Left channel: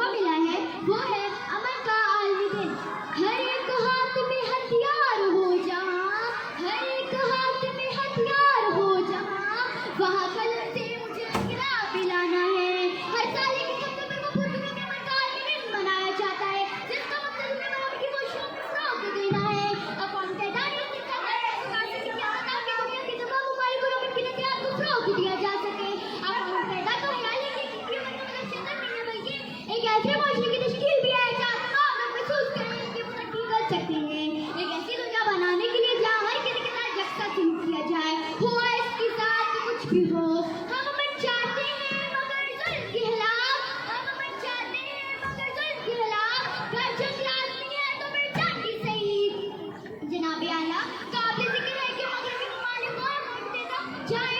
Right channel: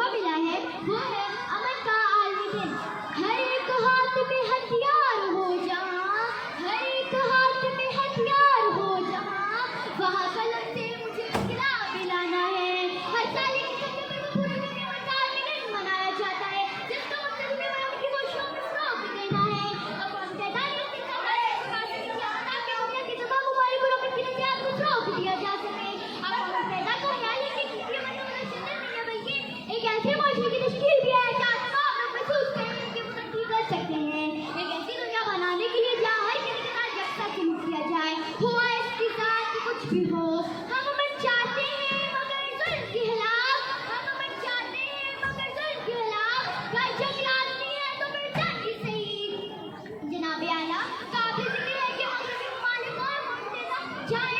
मौका मिला है वो है अमन का आलमुदीन। हर एक हाथ में हथियार हो जहाँ, हर एक हाथ में हथियार हो जहाँ, वहाँ कलम से मुझे इनकलाब दिलाना है। हर साल की कदम में वो पूरी दुनिया में काले दिन मनाया जाता है, जिसका मतलब है उनकी खुशियों को रोक देना है। अब हम तैदाद में कितना ताकि दुनिया की तमाम हमारी गुलामी की नजरियात को रोक दिया जा सके। अब हम पैदा तो ख्याल है कि बल्कि एक ऐसे माशरे की तश्कील भी है जहाँ तमाम लोग महसूस करें कि वो तरक्की कर सकते हैं। एक ऐसी दुनिया बनाने के लिए जहाँ हर किसी के साथ यकसा सलूक किया जाए, हो इसके साथ कुछ भी हो। हम अमन चाहते हैं मगर जुल्म के खिलाफ, हम अमन चाहते हैं मगर जुल्म के खिलाफ। अगर जंग लाज़मी है तो फिर जंग ही सही। जनाब आला काबिल जिक्र है कि मगरबी ममालिक और मुल्क जाए